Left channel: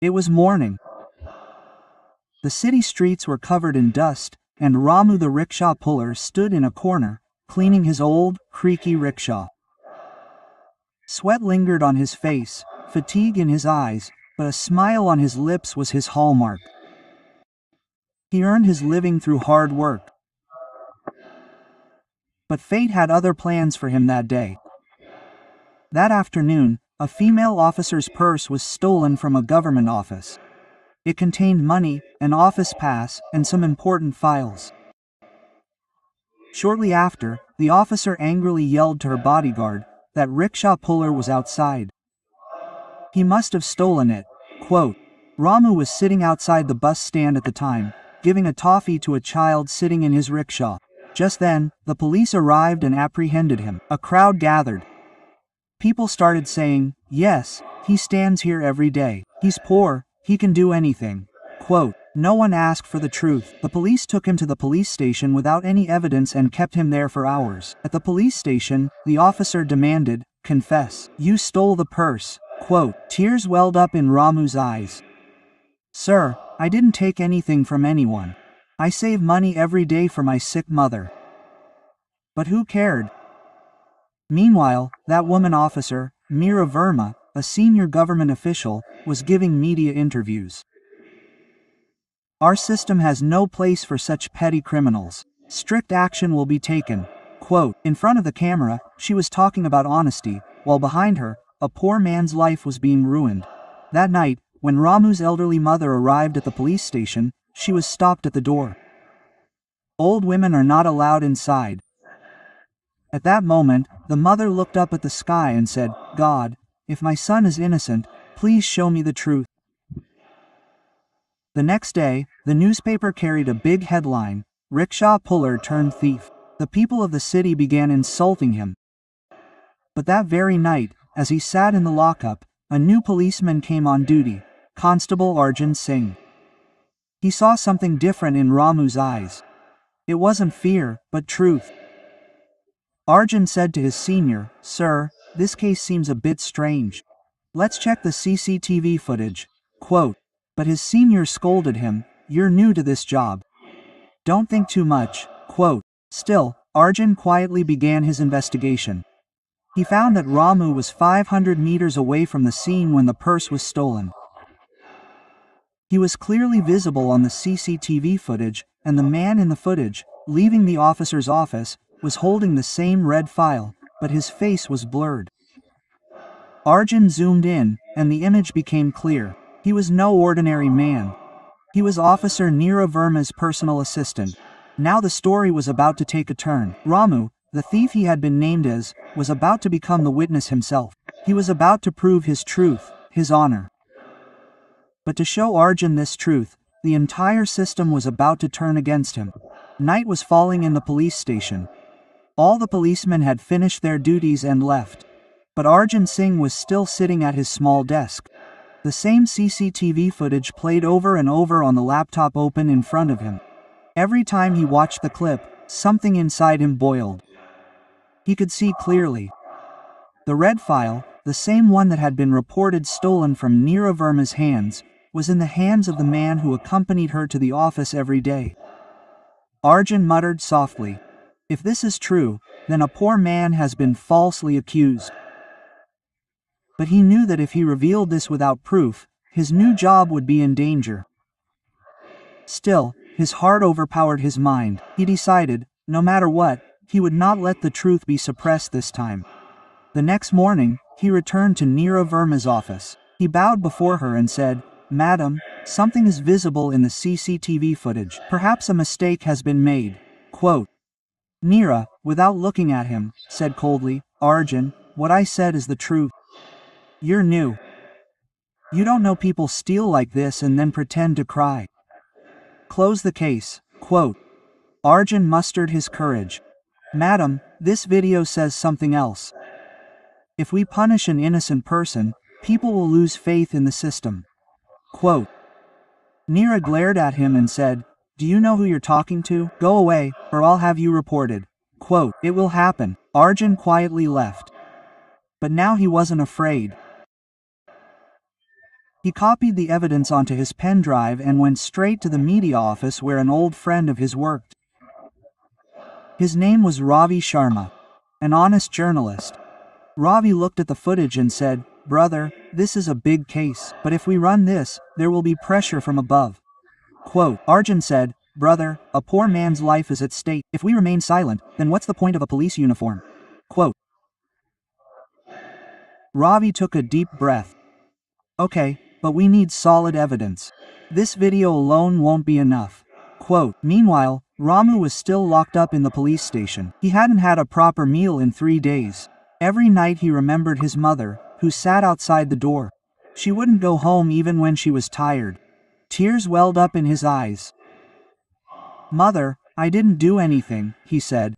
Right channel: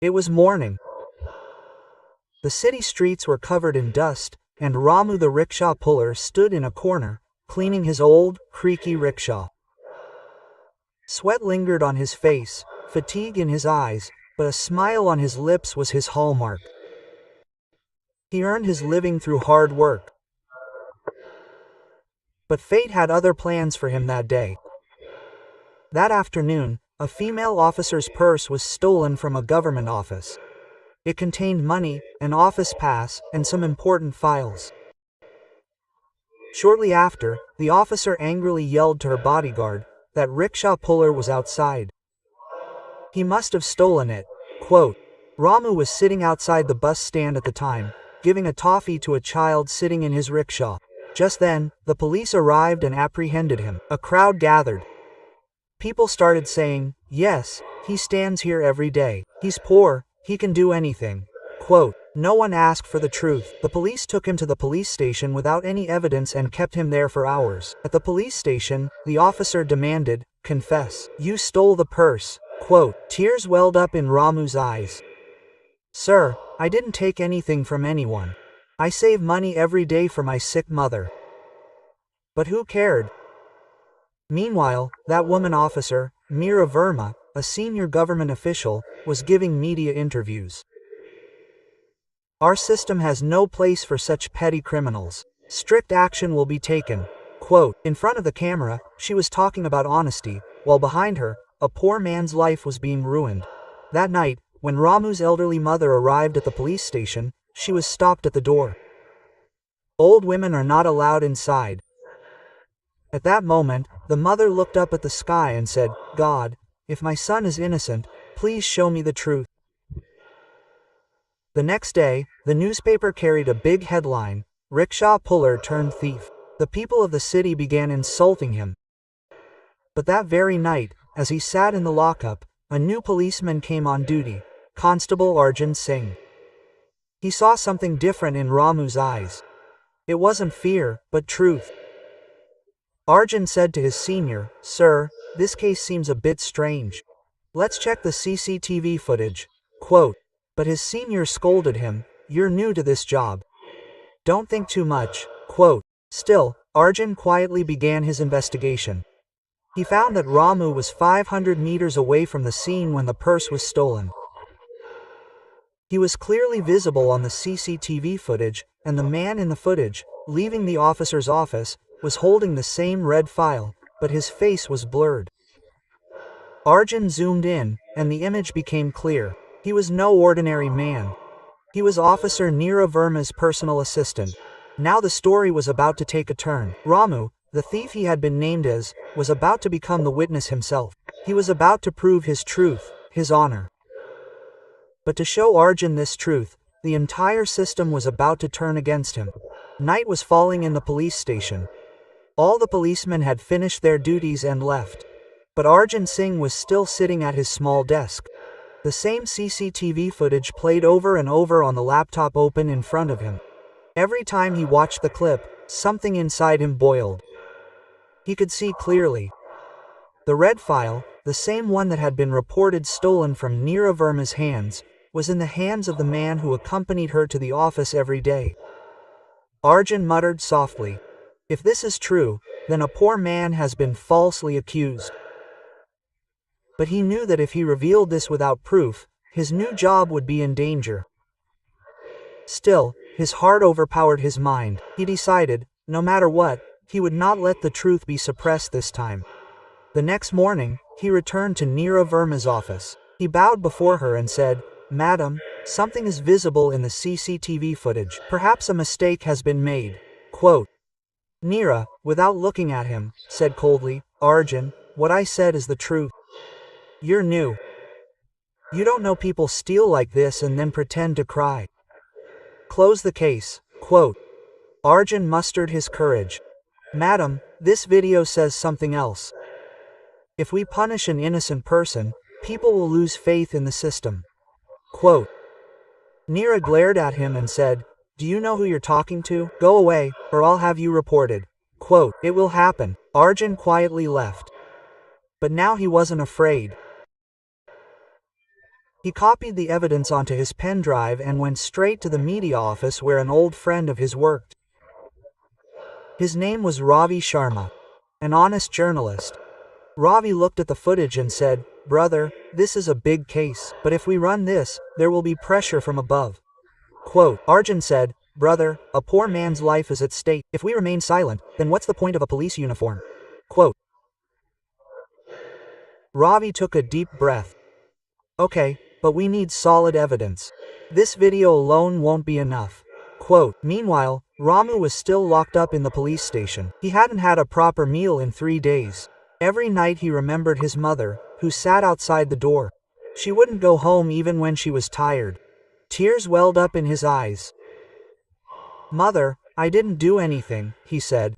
It was morning. The city streets were covered in dust, and Ramu the rickshaw puller stood in a corner, cleaning his old, creaky rickshaw. Sweat lingered on his face, fatigue in his eyes, but a smile on his lips was his hallmark. He earned his living through hard work. But fate had other plans for him that day. That afternoon, a female officer's purse was stolen from a government office. It contained money, an office pass, and some important files. Shortly after, the officer angrily yelled to her bodyguard that rickshaw puller was outside. He must have stolen it. Quote, Ramu was sitting outside the bus stand at the time, giving a toffee to a child sitting in his rickshaw. Just then, the police arrived and apprehended him. A crowd gathered. People started saying, yes, he stands here every day. He's poor, he can do anything. Quote, no one asked for the truth. The police took him to the police station without any evidence and kept him there for hours. At the police station, the officer demanded, confess. You stole the purse. Quote, tears welled up in Ramu's eyes. Sir, I didn't take anything from anyone. I save money every day for my sick mother. But who cared? Meanwhile, that woman officer, Neera Verma, a senior government official, was giving media interviews. Our system has no place for such petty criminals. Strict action will be taken. Quote, in front of the camera, she was talking about honesty, while behind her, a poor man's life was being ruined. That night, when Ramu's elderly mother arrived at the police station, she was stopped at the door. Old women are not allowed inside. At that moment, the mother looked up at the sky and said, God, if my son is innocent, please show me the truth. The next day, the newspaper carried a big headline, rickshaw puller turned thief. The people of the city began insulting him. But that very night, as he sat in the lockup, a new policeman came on duty, Constable Arjun Singh. He saw something different in Ramu's eyes. It wasn't fear, but truth. Arjun said to his senior, Sir, this case seems a bit strange. Let's check the CCTV footage. Quote, but his senior scolded him, you're new to this job. Don't think too much. Quote, still, Arjun quietly began his investigation. He found that Ramu was 500 meters away from the scene when the purse was stolen. He was clearly visible on the CCTV footage, and the man in the footage, leaving the officer's office, was holding the same red file, but his face was blurred. Arjun zoomed in, and the image became clear. He was no ordinary man. He was Officer Neera Verma's personal assistant. Now the story was about to take a turn. Ramu, the thief he had been named as, was about to become the witness himself. He was about to prove his truth, his honor. But to show Arjun this truth, the entire system was about to turn against him. Night was falling in the police station. All the policemen had finished their duties and left. But Arjun Singh was still sitting at his small desk. The same CCTV footage played over and over on the laptop open in front of him. Every time he watched the clip, something inside him boiled. He could see clearly. The red file, the same one that had been reported stolen from Neera Verma's hands, was in the hands of the man who accompanied her to the office every day. Arjun muttered softly, if this is true, then a poor man has been falsely accused. But he knew that if he revealed this without proof, his new job would be in danger. Still, his heart overpowered his mind. He decided, no matter what, he would not let the truth be suppressed this time. The next morning, he returned to Neera Verma's office. He bowed before her and said, Madam, something is visible in the CCTV footage. Perhaps a mistake has been made. Quote, Neera, without looking at him, said coldly, Arjun, what I said is the truth. You're new. You don't know people steal like this and then pretend to cry. Close the case. Quote, Arjun mustered his courage. Madam, this video says something else. If we punish an innocent person, people will lose faith in the system. Quote, Neera glared at him and said, do you know who you're talking to? Go away, or I'll have you reported. Quote, it will happen. Arjun quietly left. But now he wasn't afraid. He copied the evidence onto his pen drive and went straight to the media office where an old friend of his worked. His name was Ravi Sharma, an honest journalist. Ravi looked at the footage and said, "Brother, this is a big case, but if we run this, there will be pressure from above." Quote, Arjun said, "Brother, a poor man's life is at stake. If we remain silent, then what's the point of a police uniform?" Quote. Ravi took a deep breath. "Okay, but we need solid evidence. This video alone won't be enough." Quote, meanwhile, Ramu was still locked up in the police station. He hadn't had a proper meal in 3 days. Every night he remembered his mother, who sat outside the door. She wouldn't go home even when she was tired. Tears welled up in his eyes. "Mother, I didn't do anything," he said.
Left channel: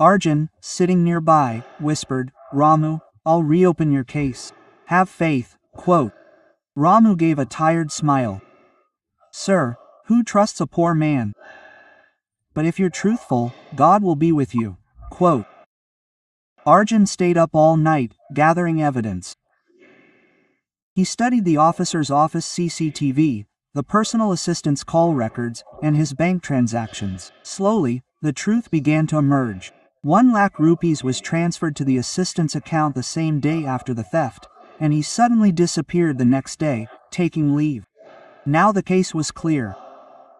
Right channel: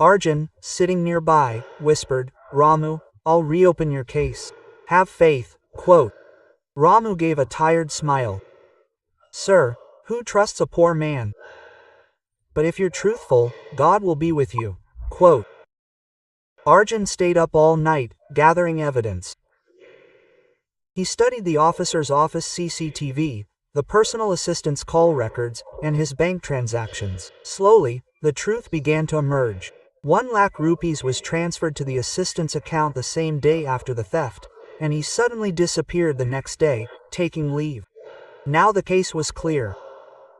Arjun, sitting nearby, whispered, "Ramu, I'll reopen your case. Have faith." Quote. Ramu gave a tired smile. "Sir, who trusts a poor man? But if you're truthful, God will be with you." Quote. Arjun stayed up all night, gathering evidence. He studied the officer's office CCTV, the personal assistant's call records, and his bank transactions. Slowly, the truth began to emerge. 1 lakh rupees was transferred to the assistant's account the same day after the theft, and he suddenly disappeared the next day, taking leave. Now the case was clear.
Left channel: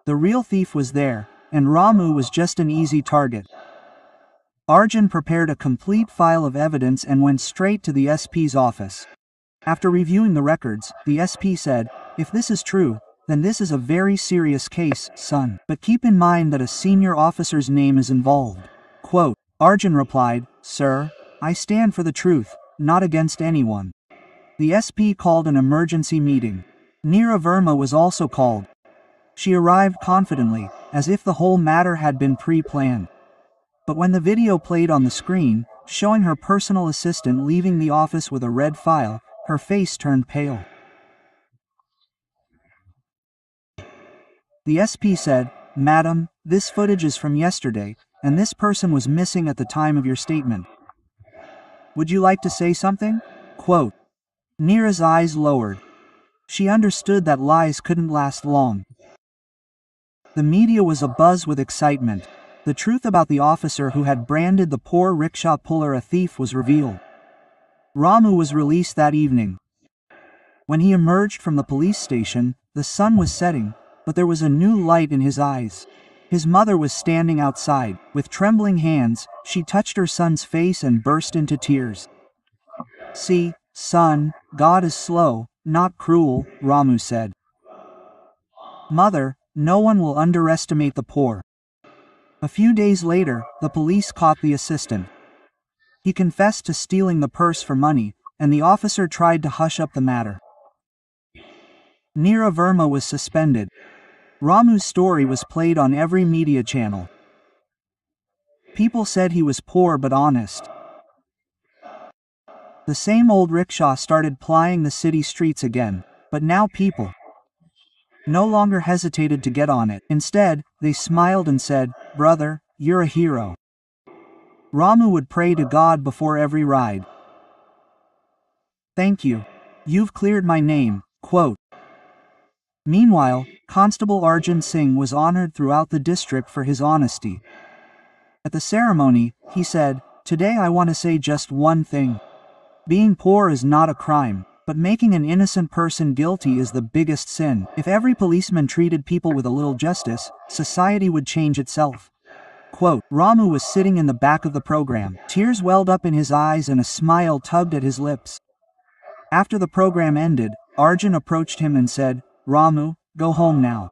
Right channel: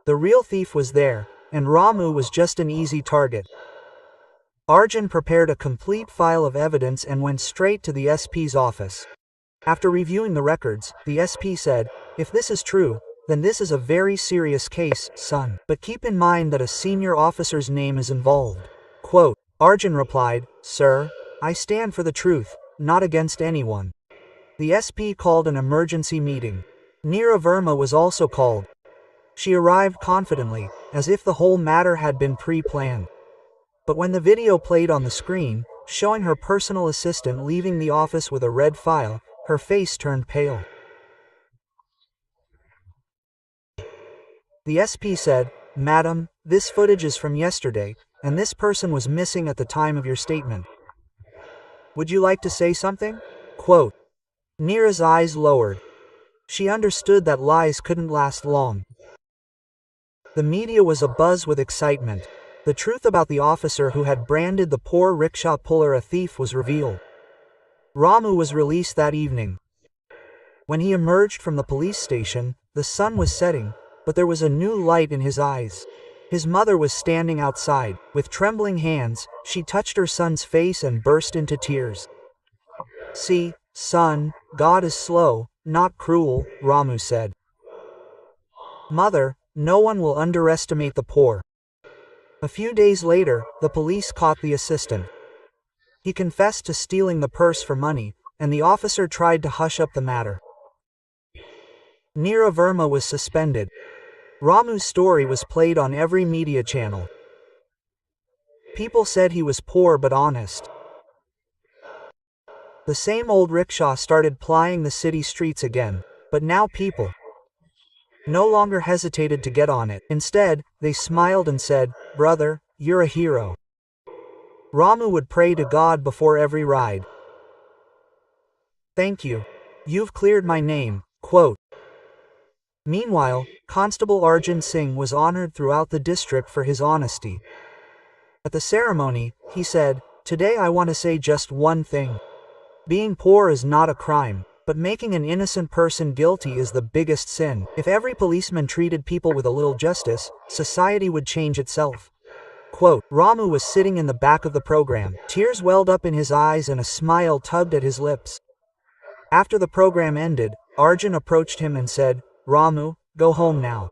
The real thief was there, and Ramu was just an easy target. Arjun prepared a complete file of evidence and went straight to the SP's office. After reviewing the records, the SP said, "If this is true, then this is a very serious case, son. But keep in mind that a senior officer's name is involved." Quote, Arjun replied, "Sir, I stand for the truth, not against anyone." The SP called an emergency meeting. Neera Verma was also called. She arrived confidently, as if the whole matter had been pre-planned. But when the video played on the screen, showing her personal assistant leaving the office with a red file, her face turned pale. The SP said, "Madam, this footage is from yesterday, and this person was missing at the time of your statement. Would you like to say something?" Quote. Neera's eyes lowered. She understood that lies couldn't last long. The media was abuzz with excitement. The truth about the officer who had branded the poor rickshaw puller a thief was revealed. Ramu was released that evening. When he emerged from the police station, the sun was setting, but there was a new light in his eyes. His mother was standing outside. With trembling hands, she touched her son's face and burst into tears. "See, son, God is slow, not cruel," Ramu said. "Mother, no one will underestimate the poor." A few days later, the police caught the assistant. He confessed to stealing the purse for money, and the officer tried to hush up the matter. Neera Verma was suspended. Ramu's story was played on every media channel. People said he was poor but honest. The same old rickshaw started plying the city streets again, but now people no longer hesitated to get on it. Instead, they smiled and said, "Brother, you're a hero." Ramu would pray to God before every ride. "Thank you. You've cleared my name." Quote. Meanwhile, Constable Arjun Singh was honored throughout the district for his honesty. At the ceremony, he said, "Today I want to say just one thing. Being poor is not a crime, but making an innocent person guilty is the biggest sin. If every policeman treated people with a little justice, society would change itself." Quote, Ramu was sitting in the back of the program. Tears welled up in his eyes and a smile tugged at his lips. After the program ended, Arjun approached him and said, "Ramu, go home now.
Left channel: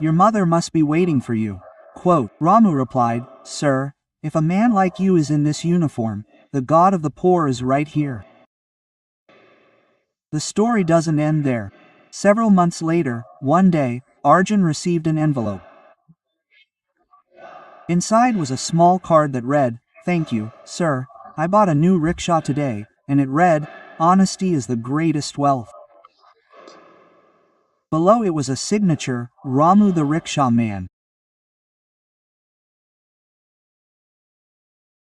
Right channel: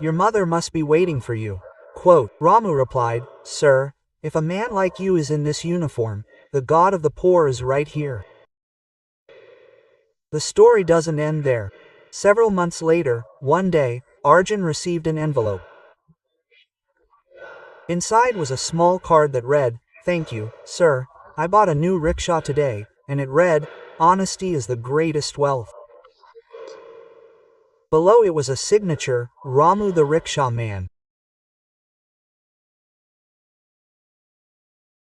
Your mother must be waiting for you." Quote, Ramu replied, "Sir, if a man like you is in this uniform, the God of the poor is right here." The story doesn't end there. Several months later, one day, Arjun received an envelope. Inside was a small card that read, "Thank you, sir. I bought a new rickshaw today," and it read, "Honesty is the greatest wealth." Below it was a signature, Ramu the Rickshaw Man.